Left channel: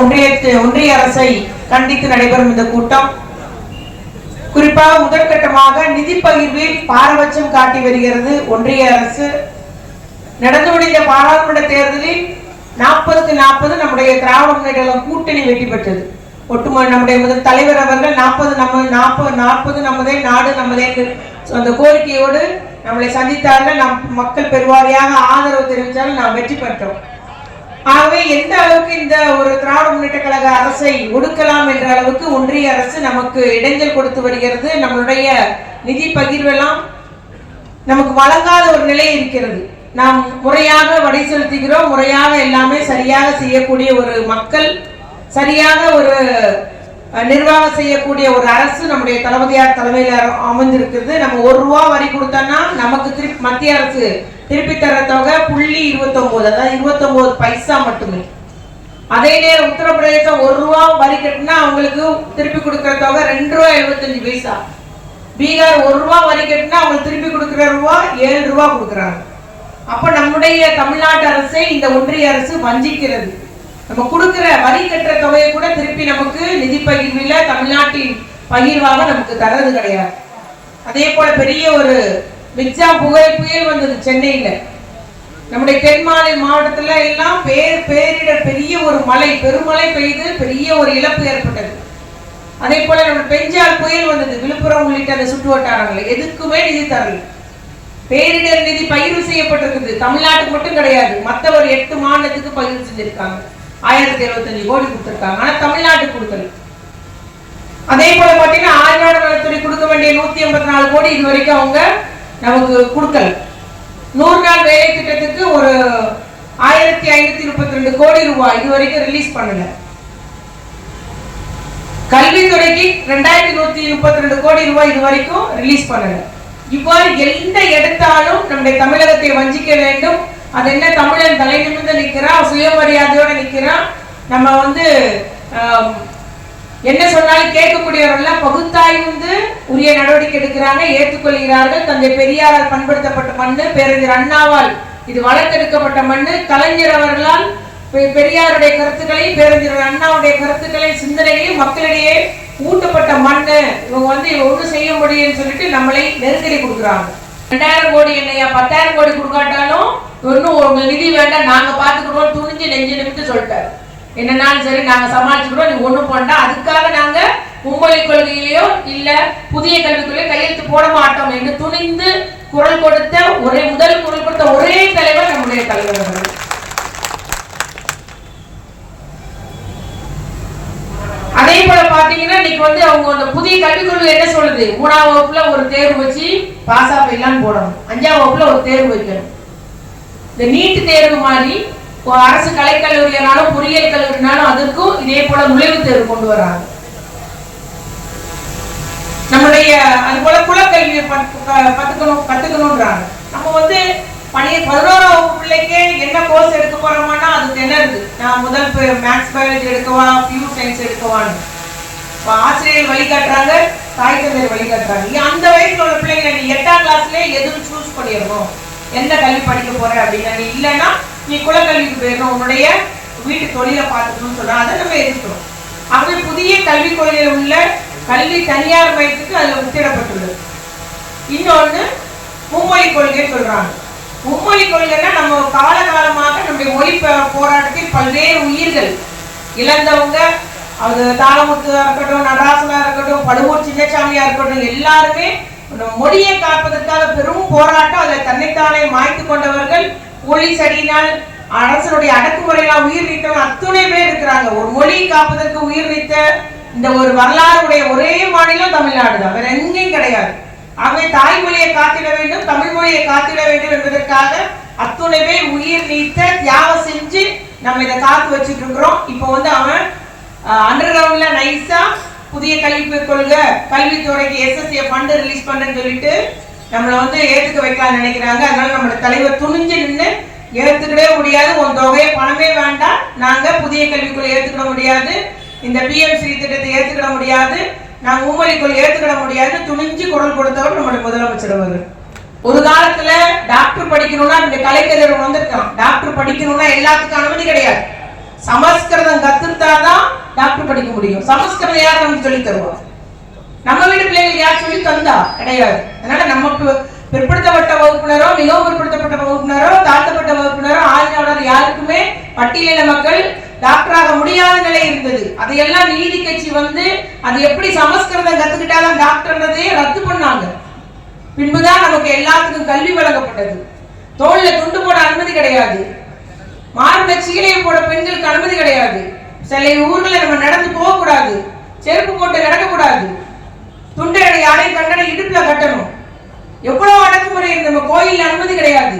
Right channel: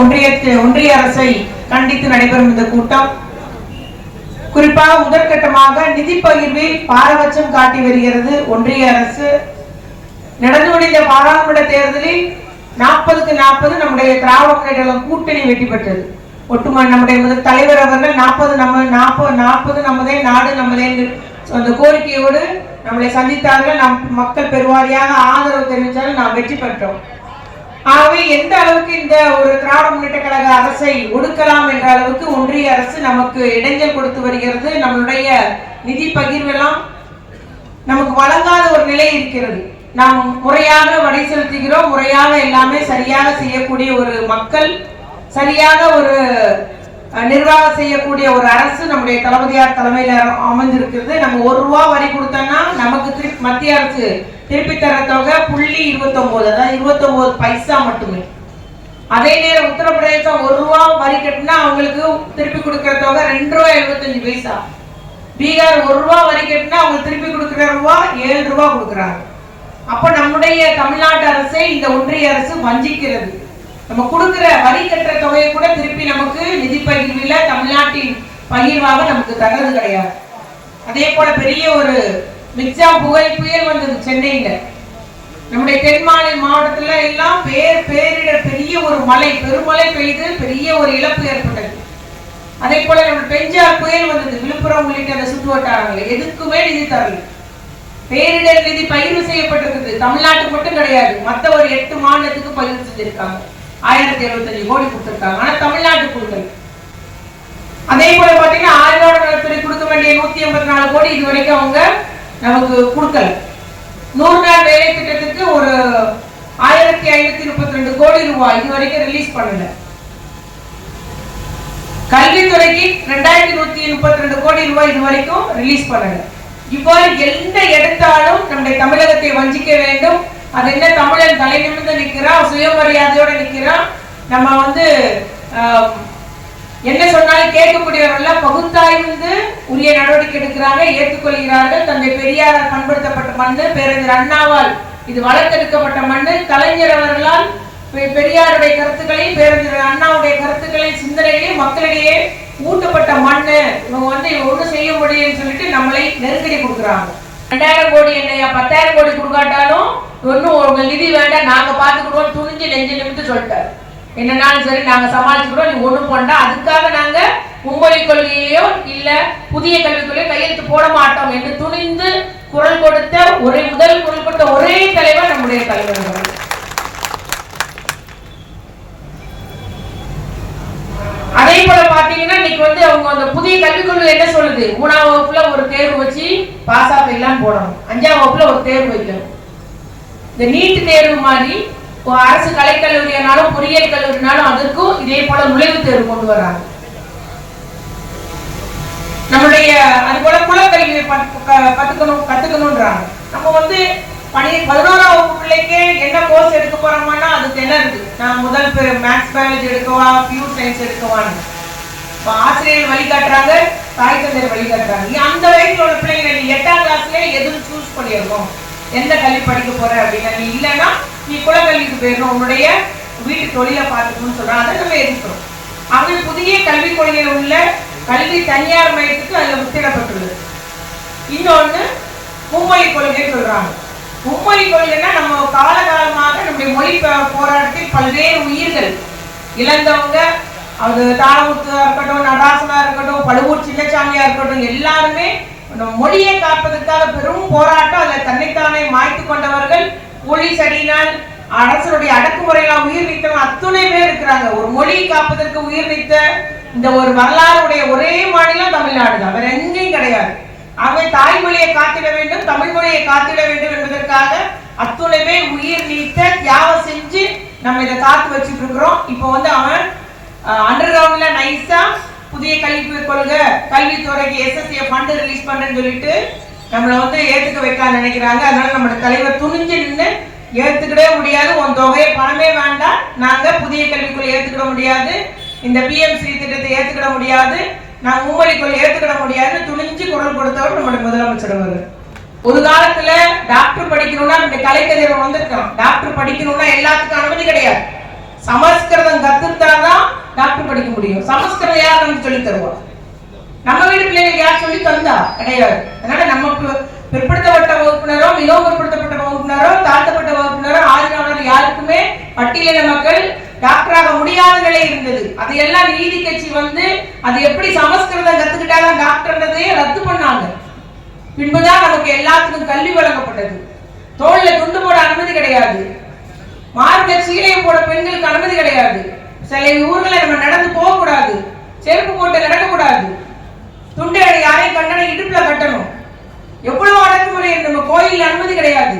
ஒன்றிய அரசை கண்டித்து நடைபெறும் இந்த கூட்டம் குறிப்பாக முதற்கட்டமாக நிதி பகிர்வில் பாரபட்சம் காட்டி வருகிறது ஒன்றிய அரசு. நடந்து முடிந்த பாராளுமன்ற தேர்தலில் 40க்கு 40 நம்முடைய திராவிட முன்னேற்ற கூட்டணி வெற்றி பெற்றது. ஒட்டுமொத்த நம்முடைய முதல் தலைவர் அவர்கள் 40 நம்மதே நாடு நம்மதே அந்த கோரிக்கையோடு நம்மளை சந்தித்தார்கள். நம் மக்கள் பெருவாரியாக ஆதரவு தெரிவித்தார்கள். நாம் வெற்றி பெற்றோம். ஆகவே எந்த அளவுக்கு இந்த ஒரு திராவிட முன்னேற்ற கழக அரசை ஒடுக்கலாம் என்ற அளவுக்கு ஒன்றிய அரசு நமக்கு இடைஞ்சல் கொடுத்து வருகிறது. நம்மளுடைய நிதி பகிர்வெல்லாம் நமக்கு வழங்காத ஒரு நிலை இருக்கிறது. நாம் முறையாக வரி செலுத்துகிறோம், முறையாக எல்லாமே சரியாக செய்யக்கூடிய ஒரு மக்கள், சரியாக ஒரு நிர்வாகம் செய்யக்கூடிய ஒரு அரசு நம்முடைய தளபதியார் தலைமையில் அமர்ந்திருக்கிறது. நம்ம 1 ரூபா வரி கொடுத்தோம்னா நமக்கு மத்திய அரசு திருப்பி தர தொகை 0.29, அதாவது 29 பைசா மட்டுமே. அதே நேரம் உத்தரப்பிரதேசம் 1 ரூபா வரி கட்டினா அவங்களுக்கு திருப்பி கொடுக்கிற தொகை 2.75 பைசா. பீகார் 1 ரூபா வரி கட்டினா அவங்களுக்கு திருப்பி கொடுக்கிற ரூபா 7 ரூபா கொடுக்குறாங்க. அப்ப நம்முடைய தமிழ்நாட்டு அரசை இந்த ஒன்றிய அரசு வஞ்சிக்கிறது. நம்ம கொடுக்கிற வரி கட்டுற தொகையை கூட திருப்பி நமக்கு நிதி பகிர்வில் தமிழ்நாட்டின் பகிர்வாக நமக்கு தரது கிடையாது. அதே போல பெரிய ஒரு மிக்ஜா புயல் வந்தது சென்னையில. நம்முடைய தென் மாவட்டத்துல எல்லாம் பேரிடர், பெரிய ஒரு மழை, பெருமழை பெய்து பெரிய ஒரு இழப்பு ஏற்பட்டது. அதே போல நம்ம பெஞ்சார் புயல் வந்தது, விழுப்புரம் உள்ளிட்ட அந்த சுற்று வட்டாரங்கள் எதுக்குமே நிதி தரல. பேரிடர் நிதி பகிர்வு செய்யப்பட்டிருக்குது. தமிழ்நாட்டுக்கு மட்டும் கிடையாது, மற்ற ஒரு 8 மாநிலத்துக்கு பகிர்வு செஞ்சிருக்காங்க. 1075 கோடி கொடுத்திருக்காங்க. ஆனா தமிழ்நாட்டுக்கு கொடுக்கல. அதே போல பாத்தீங்கன்னா ஆயுர்வேத நலத்துறை கொடுக்க வேண்டிய 184 கோடி இது வரைக்கும் அவங்க நமக்கு கொடுக்கல. 100 நாள் வேலை திட்டத்துக்கு ஒரு 1532 கோடி ரூபாய் இது வரைக்கும் ரிலீஸ் பண்ணல. கல்வித்துறைக்கு 2132 கோடி ரூபாய் இது வரைக்கும் ரிலீஸ் பண்ணல. இவ்வாறு எந்த எடுத்தாலும் நம்முடைய தமிழகத்தை வஞ்சிக்க வேண்டும். அது என்ன, தமிழன் தலை நிமிர்ந்து நிற்கிறான், சுயமரியாதையோட நிற்கிறான். நம்ம என்ன சொன்னாலும் கேட்கக்கூடியவர்கள் பகுத்தாய்ந்து உரிய நடவடிக்கை எடுக்கிறாங்க, ஏற்றுக்கொள்கிறார்கள். தந்தை பெரியாரால் பண்படுத்தப்பட்ட மண்ணு, பேரறிஞர் அண்ணாவால் இது வளர்த்தெடுக்கப்பட்ட மண்ணு, கலைஞர் அவர்களால் பெரியாருடைய கருத்துக்களையும் பேரறிஞர் அண்ணாவுடைய கருத்துக்களையும் சிந்தனைகளையும் மக்களிடையே ஊட்டப்பட்ட மண்ணு. இவங்க ஒன்றும் செய்ய முடியும்னு சொல்லிட்டு நம்மளை நெருக்கடி கொடுக்குறாங்க. 2000 கோடி என்னையா 10,000 கோடி கொடுக்காட்டாலும் ஒன்னும் நிதி வேண்டாம், நாங்க பாத்துக்கிறோம், துணிஞ்சு நெஞ்சு நிமித்து சொல்லிட்டாரு. என்னன்னாலும் சரி நாங்க சமாளிச்சுக்கிறோம், நீ ஒண்ணும் பண்ணா அதுக்காக நாங்க மும்மொழி கொள்கையோ இல்ல புதிய கல்விக் கொள்கையோ கையெழுத்து போட மாட்டோம் என்று துணிந்து குரல் கொடுத்த முதல் குரல் கொடுத்த ஒரே தலைவர் நம்முடைய தலைவர். அதே போல பாத்தீங்கன்னா இன்னைக்கு அவங்க அந்த புதிய கல்விக் கொள்கை என்ன சொல்லுது, 3ஆம் வகுப்புல ஒரு தேர்வு வச்சு பாஸ் ஆஃப் எல்லாம் போடணும், 5ஆம் வகுப்புல ஒரு தேர்வு வைக்கணும். இந்த நீட் தேர்வு மாதிரி அரசு கலைக்கல்லூரியானாலும் பொறியியல் கல்லூரினாலும் அதற்கும் இதே போல நுழைவுத் தேர்வு கொண்டு வராங்க. நம்முடைய அது போல குலக்கல்வியை கத்துக்கணும்ன்றாங்க. நம்ம 11ஆம் வகுப்பு பிள்ளைக்கு என்ன கோர்ஸ் எடுக்க போறோம்னா அதுக்கு என்ன இருக்கு, நான் முதல் மேத்ஸ் பயாலஜி எடுக்கவா பியூர் சயின்ஸ் எடுக்கவான்னு ஆசிரியர் வழிகாட்டுறாங்க, தாய் தந்தையர் வழிகாட்டுறாங்க. அந்த வயசுல உள்ள பிள்ளைங்க 8ஆம் கிளாஸ்ல எதுவும் சூஸ் பண்ணிடணும், எந்த கல்வி படிக்க போற அப்படின்னா நீ இல்லைன்னா நீ குலக்கல்விக்கு போயிடணும், உன்னுடைய வீட்டு தொழிலை பார்த்துக்கணும்னு சொல்றாங்க. அதை நம்ம எதிர்க்கிறோம். ஆகவே புதிய கல்விக் கொள்கையில் உள்ள கல்வி தனியார் மையத்துக்கு அதுல முத்திடப்பட்டுள்ளது. இன்னொன்னு மும்மொழி கொள்கை சொல்றாங்க. மும்மொழி கொள்கைன்னா நம்ம காலகாலமாக நம்முடைய மொழி போராட்டத்தில் பல்வேறு உயிர்கள் இழந்தவங்க, அது தாளமுத்துவா இருக்கட்டும், நடராசனா இருக்கட்டும், பழுவூர் சின்னசாமியா இருக்கட்டும், எல்லாருமே மொழியை காப்பதற்காக பெரும் போராட்டம், அதை தன்னைத்தானே மாய்த்து கொண்டவர்கள், போலீஸ் அடியினால் அரசனுடைய அடக்குமுறையினால் உயிர் நீத்தவங்க அத்துணை பேர் இருக்கிறாங்க. ஒரு மொழியை காப்பதற்கு உயிர் நீத்த இந்த ஒரு வரலாறுடைய ஒரே மாநிலம் தமிழ்நாடு தான், வேற எங்கேயும் கிடையாது. ஆகவே தாய்மொழியை காத்திட வேண்டும், தமிழ் மொழியை காத்திட வேண்டும் என்பதற்காக அத்துணை பேர் உயிர் நீத்த தியாகம் செஞ்சு நம்ம இதை காத்து வச்சுட்டு இருக்கிறோம். இப்போ அவன் அண்டர் கிரவுண்ட்ல நைஸா புதிய கல்விக் கொள்கை கல்வித்துறைக்கு SSA ஃபண்ட் ரிலீஸ் பண்றேன்னு சொல்லிட்டு நம்மளை ஏத்துக்க வைக்கலாம் நினைக்கிறாங்க. அதனால நம்மளோட தலைவர் துணிஞ்சு நின்று ஏத்துக்கிடவே முடியாது, உன் தொகையை பணமே வேண்டாம், நாங்க புதிய கல்விக்குள்ள ஏத்துக்கிட முடியாது, இந்த PMC திட்டத்தை ஏத்துக்கிட முடியாது, நாங்க மும்மொழி கொள்கை ஏத்துக்கிட முடியாது துணிஞ்சு குரல் கொடுத்தவர் நம்முடைய முதலமைச்சர் அவர்கள். ஒரு காலத்துல டாக்டர் படிக்கணும்னா இந்த கலைக்கதிர் வந்திருக்கான், டாக்டர் படிக்கணும்னா எல்லாத்துக்கும் அனுமதி கிடையாது. சமஸ்கிருதம் கத்துட்டாதான் டாக்டர் படிக்க முடியும். சமஸ்கிருதம் யார் நமக்கு சொல்லி தருவோம்? நம்ம வீட்டு பிள்ளைங்களுக்கு யார் சொல்லி தந்தா? கிடையாது. அதனால நமக்கு பிற்படுத்தப்பட்ட வகுப்பினரோ, மிகவும் பிற்படுத்தப்பட்ட வகுப்பினரோ, தாழ்த்தப்பட்ட வகுப்பினரோ, ஆளுநர் யாருக்குமே பட்டியலின மக்கள் டாக்டராக முடியாத நிலை இருந்தது. அதையெல்லாம் நீதி கட்சி வந்து அது எப்படி சமஸ்கிருதம் கத்துக்கிட்டாலும் டாக்டர்ன்றதையே ரத்து பண்ணாங்க. பின்புதான் நமக்கு எல்லாத்துக்கும் கல்வி வழங்கப்பட்டது. தோல்ல துண்டு போட அனுமதி கிடையாது. மார்புல சீலையை போட பெண்களுக்கு அனுமதி கிடையாது. சில ஊர்களை நம்ம நடந்து போக கூடாது, செருப்பு போட்டு நடக்கக்கூடாது, துண்டை யாரையும் கண்டன இடுப்புல கட்டணும். எவ்வளவு அடக்குமுறை. நம்ம கோயில்ல அனுமதி கிடையாது,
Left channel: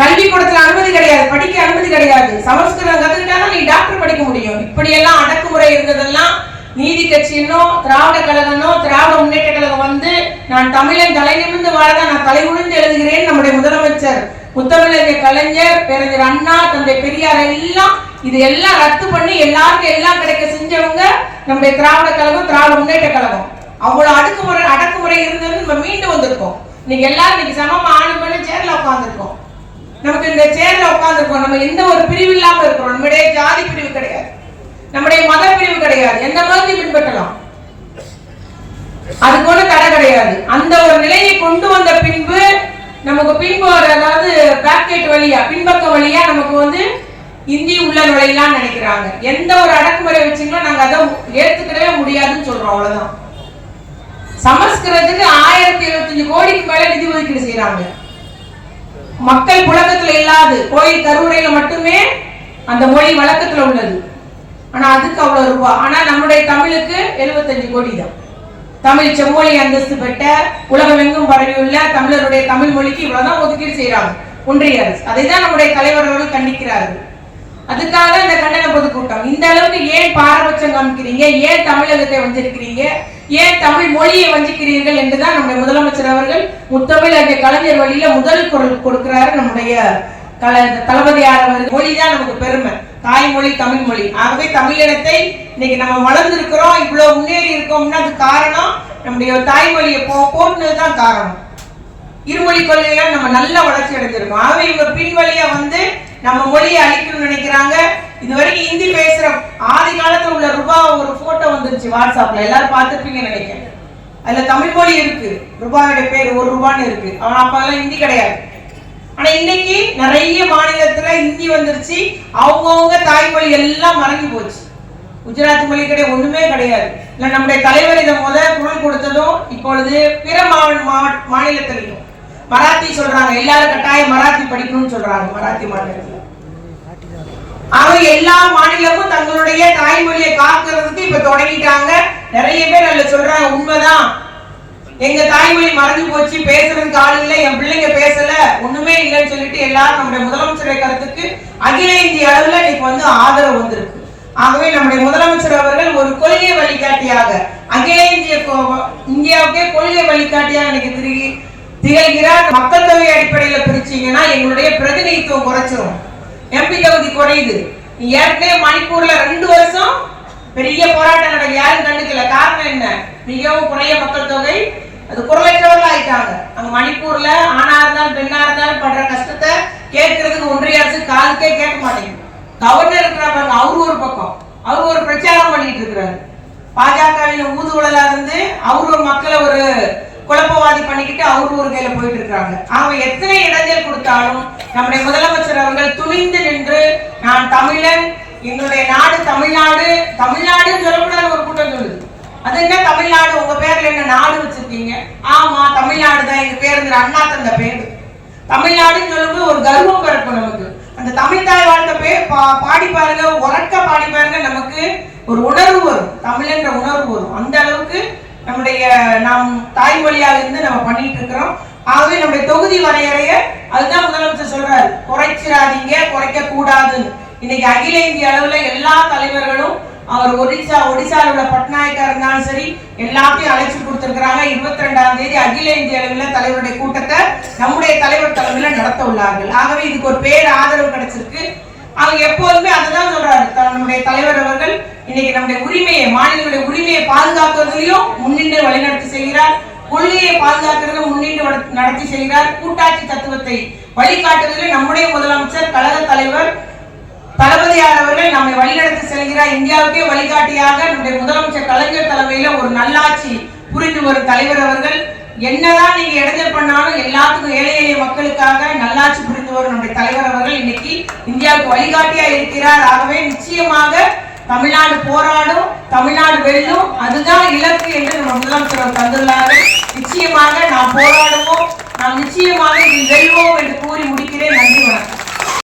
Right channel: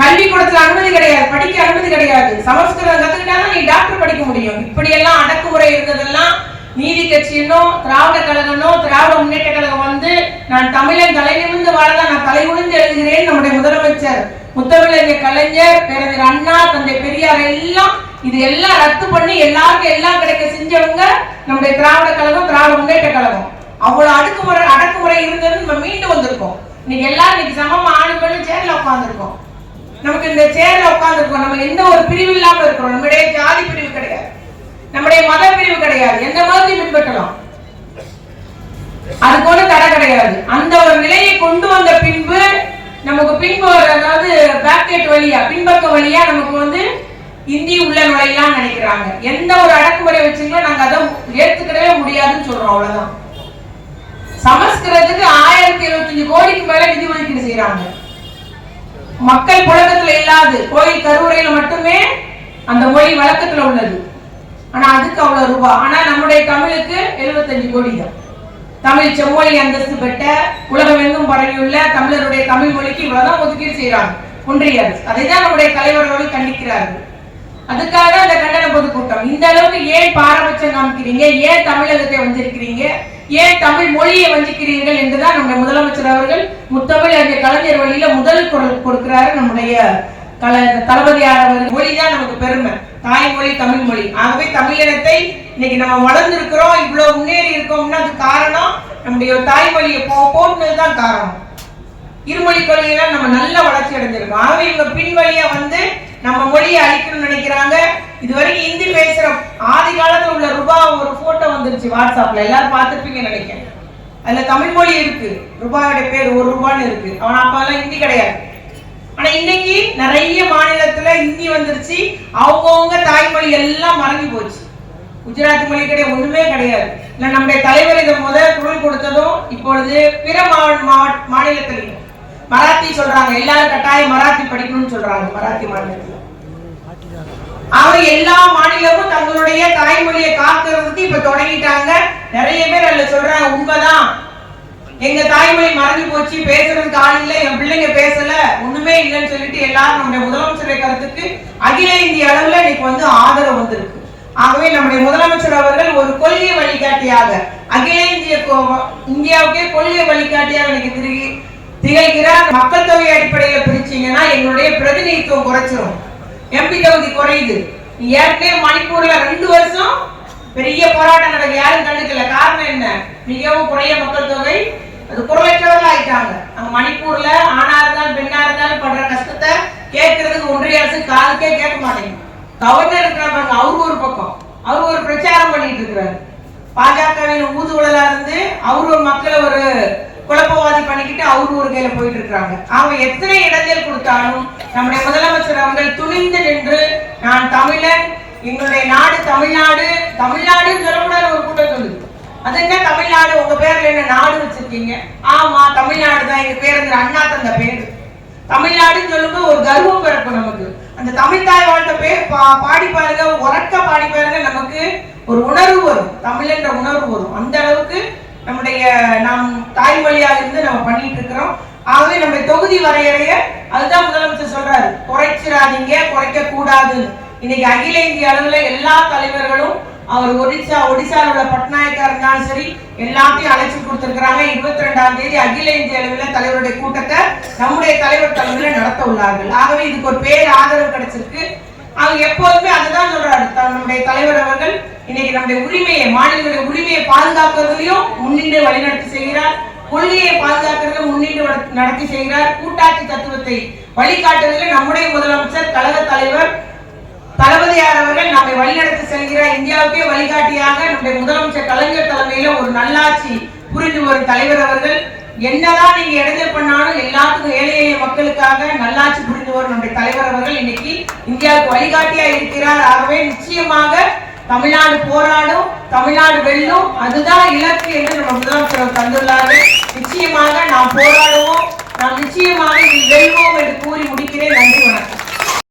கல்விக்கூடத்துல அனுமதி கிடையாது, படிக்க அனுமதி கிடையாது. சமஸ்கிருதம் கத்துக்கிட்டாலும் நீ டாக்டர் படிக்க முடியும். இப்படியெல்லாம் அடக்குமுறை இருந்ததெல்லாம் நீதி கட்சியினோ, திராவிட கழகனோ, திராவிட முன்னேற்ற கழகம் வந்து நான் தமிழன் தலை நிமிர்ந்து வாழதான் நான் தலை உணிந்து எழுதுகிறேன். நம்முடைய முதலமைச்சர் முத்தமிழறிஞர் கலைஞர், பேரறிஞர் அண்ணா, தந்தை பெரியார் எல்லாம் இது எல்லாம் ரத்து பண்ணி எல்லாருக்கும் எல்லாம் கிடைக்க செஞ்சவங்க நம்முடைய திராவிட கழகம், திராவிட முன்னேற்ற கழகம். அவ்வளவு அடக்குமுறை இருந்தது. நம்ம மீண்டு வந்திருக்கோம். இன்னைக்கு எல்லாரும் இன்னைக்கு சமமா ஆணும் பெண்ணும் சேர்ல உட்கார்ந்துருக்கோம். நமக்கு இந்த சேர்ல உட்கார்ந்துருக்கோம். நம்ம எந்த ஒரு பிரிவு இல்லாம இருக்கிறோம். நம்முடைய ஜாதி பிரிவு கிடையாது, நம்முடைய மத பிரிவு கிடையாது. எந்த மதத்தையும் பின்பற்றலாம், அதுக்கு ஒண்ணு தடை கிடையாது. அந்த ஒரு நிலையை கொண்டு வந்த பின்பு நமக்கு பின்பு அதாவது பேக்கெட் வழியா, பின்பக்க வழியா நமக்கு வந்து இந்தி உள்ள நுழையலாம் நினைக்கிறாங்க. எந்த ஒரு அடக்குமுறை வச்சீங்களோ நாங்க அதை ஏத்துக்கவே முடியாதுன்னு சொல்றோம். அவ்வளவுதான். சமஸ்கிருதத்துக்கு 1075 கோடிக்கு மேல நிதி ஒதுக்கீடு செய்யறாங்க. மக்கள் புழக்கத்துல இல்லாது கோயில் கருவறையில மட்டுமே அந்த மொழி வழக்கத்துல உள்ளது. ஆனா அதுக்கு அவ்வளவு ரூபாய். ஆனா நம்முடைய தமிழுக்கு 75 கோடி தான். தமிழ் செம்மொழி அந்தஸ்து பெற்ற உலகமெங்கும் பரவியுள்ள தமிழருடைய தமிழ் மொழிக்கு இவ்வளவுதான் ஒதுக்கீடு செய்யறாங்க ஒன்றிய அரசு. அதைதான் நம்முடைய தலைவர் அவர்கள் கண்டிக்கிறார்கள். அதுக்காக இந்த கண்டன பொதுக்கூட்டம். இந்த அளவுக்கு ஏன் பாரபட்சம் காமிக்கிறீங்க, ஏன் தமிழகத்தை வஞ்சிருக்கிறீங்க, ஏன் தமிழ் மொழியை வஞ்சிக்கிறீர்கள் என்றுதான் நம்முடைய முதலமைச்சர் அவர்கள் முத்தமிழ் அந்த கலைஞர் வழியில முதல் குரல் கொடுக்கிறாரு. நம்முடைய தளபதியார் அவர்கள் மொழிதான் நமக்கு பெருமை, தாய்மொழி தமிழ் மொழி. ஆகவே தமிழினத்தை இன்னைக்கு நம்ம வளர்ந்து இருக்கிறோம், இவ்வளவு முன்னேறி இருக்கோம்னா அது காரணம் நம்முடைய தாய்மொழியை போட்டுனதுதான் காரணம். இருமொழி கொள்கையில நம்ம நல்ல வளர்ச்சி அடைஞ்சிருக்கோம். ஆகவே இவங்க பின்வழியா வந்து நம்ம மொழியை அழிக்கணும்னு நினைக்கிறாங்க. இதுவரைக்கும் ஹிந்தி பேசுற ஆதி காலத்துல உள்ள ரூபா ஒரு போட்டோ வந்துருச்சு வாட்ஸ்அப்ல, எல்லாரும் பார்த்துருப்பீங்கன்னு நினைக்கிறேன். அதுல தமிழ் மொழி இருக்கு, ரூபாயோட பேர் 1 ரூபான்னு இருக்கு. அவன் அப்பெல்லாம் ஹிந்தி கிடையாது. ஆனா இன்னைக்கு நிறைய மாநிலத்துல ஹிந்தி வந்துருச்சு. அவங்கவுங்க தாய்மொழி எல்லாம் மறந்து போச்சு. குஜராத் மொழி கிடையாது, ஒண்ணுமே கிடையாது. இல்ல நம்முடைய தலைவர் இதை முதல் குரல் கொடுத்ததும் இப்பொழுது பிற மாநிலத்திலையும் மராத்தி சொல்றாங்க. எல்லாரும் கட்டாயம் மராத்தி படிக்கணும்னு சொல்றாங்க மராத்தி மாநிலத்தில். அவங்க எல்லா மாநிலமும் தங்களுடைய தாய்மொழியை காக்கிறதுக்கு இப்ப தொடங்கிட்டாங்க. நிறைய பேர் அதுல சொல்றாங்க உண்மைதான், எங்க தாய்மொழி மறந்து போச்சு, பேசுறதுக்கு ஆள் இல்லை, என் பிள்ளைங்க பேசல, ஒண்ணுமே இல்லைன்னு சொல்லிட்டு எல்லாரும் நம்முடைய முதலமைச்சருடைய கருத்துக்கு அகில இந்திய அளவுல இன்னைக்கு வந்து ஆதரவு வந்திருக்கு. ஆகவே நம்முடைய முதலமைச்சர் அவர்கள் ஒரு கொள்கை வழிகாட்டியாக அகில இந்தியாவுக்கே கொள்கை வழிகாட்டியாக எனக்கு திகழ்கிறார். மக்கள் தொகை அடிப்படையில பிரிச்சீங்கன்னா எங்களுடைய பிரதிநிதித்துவம் குறைச்சிரும், எம்பி தொகுதி குறையுது. ஏற்கனவே மணிப்பூர்ல 2 வருஷம் பெரிய போராட்டம் நடக்க யாரும் கண்டுக்கல. காரணம் என்ன? மிகவும் குறைய மக்கள் தொகை, அது குரலற்றவர்கள் ஆயிட்டாங்க. நம்ம மணிப்பூர்ல ஆணா இருந்தாலும் பெண்ணா இருந்தாலும் படுற கஷ்டத்தை கேட்கறதுக்கு ஒன்றிய அரசு காலுக்கே கேட்க மாட்டேங்குது. கவர்னர் இருக்கிற பாருங்க, அவரு ஒரு பக்கம் அவரு ஒரு பிரச்சாரம் பண்ணிட்டு இருக்கிறாரு. பாஜகவின் ஊதுவலா இருந்து அவரு ஒரு மக்களை ஒரு குழப்பவாதி பண்ணிக்கிட்டு அவரு ஒரு கையில போயிட்டு இருக்காங்க. அவங்க எத்தனை இடைஞ்சல் கொடுத்தாலும் நம்முடைய முதலமைச்சர் அவர்கள் துணிந்து நின்று நான் தமிழன், எங்களுடைய நாடு தமிழ்நாடு, தமிழ்நாடுன்னு சொல்லக்கூடாது ஒரு கூட்டம் சொல்லுது. அது என்ன தமிழ்நாடு, உங்க பேர்ல என்ன நாடு வச்சிருக்கீங்க? ஆமா தமிழ்நாடு தான் எங்க பேரு, அண்ணா தந்த பேரு. தமிழ்நாடுன்னு சொல்லும்போது ஒரு கர்வம் பிறக்கும் நமக்கு. அந்த தமிழ் தாய் வாழ்ந்த பேர் பாடி பாருங்க, உறக்க பாடி பாருங்க, நமக்கு ஒரு உணர்வு வரும், தமிழ்ன்ற உணர்வு வரும். அந்த அளவுக்கு நம்முடைய நாம் தாய்மொழியாக இருந்து நம்ம பண்ணிட்டு இருக்கிறோம். ஆகவே நம்முடைய தொகுதி வரையறைய அதுதான் முதலமைச்சர் சொல்றாரு, குறைச்சிடாதீங்க, குறைக்க கூடாதுன்னு. இன்னைக்கு அகில இந்திய அளவுல எல்லா தலைவர்களும் அவர் ஒடிசால உள்ள பட்நாயக்கா இருந்தாலும் சரி எல்லாத்தையும் அழைச்சி கொடுத்திருக்கிறாங்க. 22ஆம் தேதி அகில இந்திய அளவில் தலைவருடைய கூட்டத்தை நம்முடைய தலைவர் தலைமையில நடத்த உள்ளார்கள். ஆகவே இதுக்கு ஒரு பேர் ஆதரவு கிடைச்சிருக்கு. அவங்க எப்போதுமே அதுதான் சொல்றாரு, நம்முடைய தலைவர் அவர்கள் இன்னைக்கு நம்முடைய உரிமையை, மாநிலங்களுடைய உரிமையை பாதுகாக்கிறதுலயும் முன்னின்று வழிநடத்தி செய்கிறார், கொள்கையை பாதுகாக்கிறது முன்னின்று நடத்தி செய்கிறார், கூட்டாட்சி தத்துவத்தை வழிகாட்டுவதில் நம்முடைய முதலமைச்சர் கழக தலைவர் தளபதியார் அவர்கள் நம்மை வழிநடத்தி செல்கிறார். இந்தியாவுக்கே வழிகாட்டியாக நம்முடைய முதலமைச்சர் கலைஞர் தலைமையில ஒரு நல்லாட்சி புரிந்து வரும் தலைவர் அவர்கள். என்னதான் நீங்க இடைஞ்சல் பண்ணாலும் எல்லாத்துக்கும் ஏழை எளிய மக்களுக்காக நல்லாட்சி புரிந்து வரும் நம்முடைய தலைவர் அவர்கள் இன்னைக்கு இந்தியாவுக்கு வழிகாட்டியா இருக்கிறார். ஆகவே நிச்சயமாக தமிழ்நாடு போராடும், தமிழ்நாடு வெல்லும், அதுதான் இலக்கு என்று நம்ம முதலமைச்சர் தந்துள்ளார்கள். நிச்சயமாக நாம் போராடுவோம், நாம் நிச்சயமாக இதில் வெல்வோம் என்று கூறி முடிக்கிறேன். நன்றி, வணக்கம்.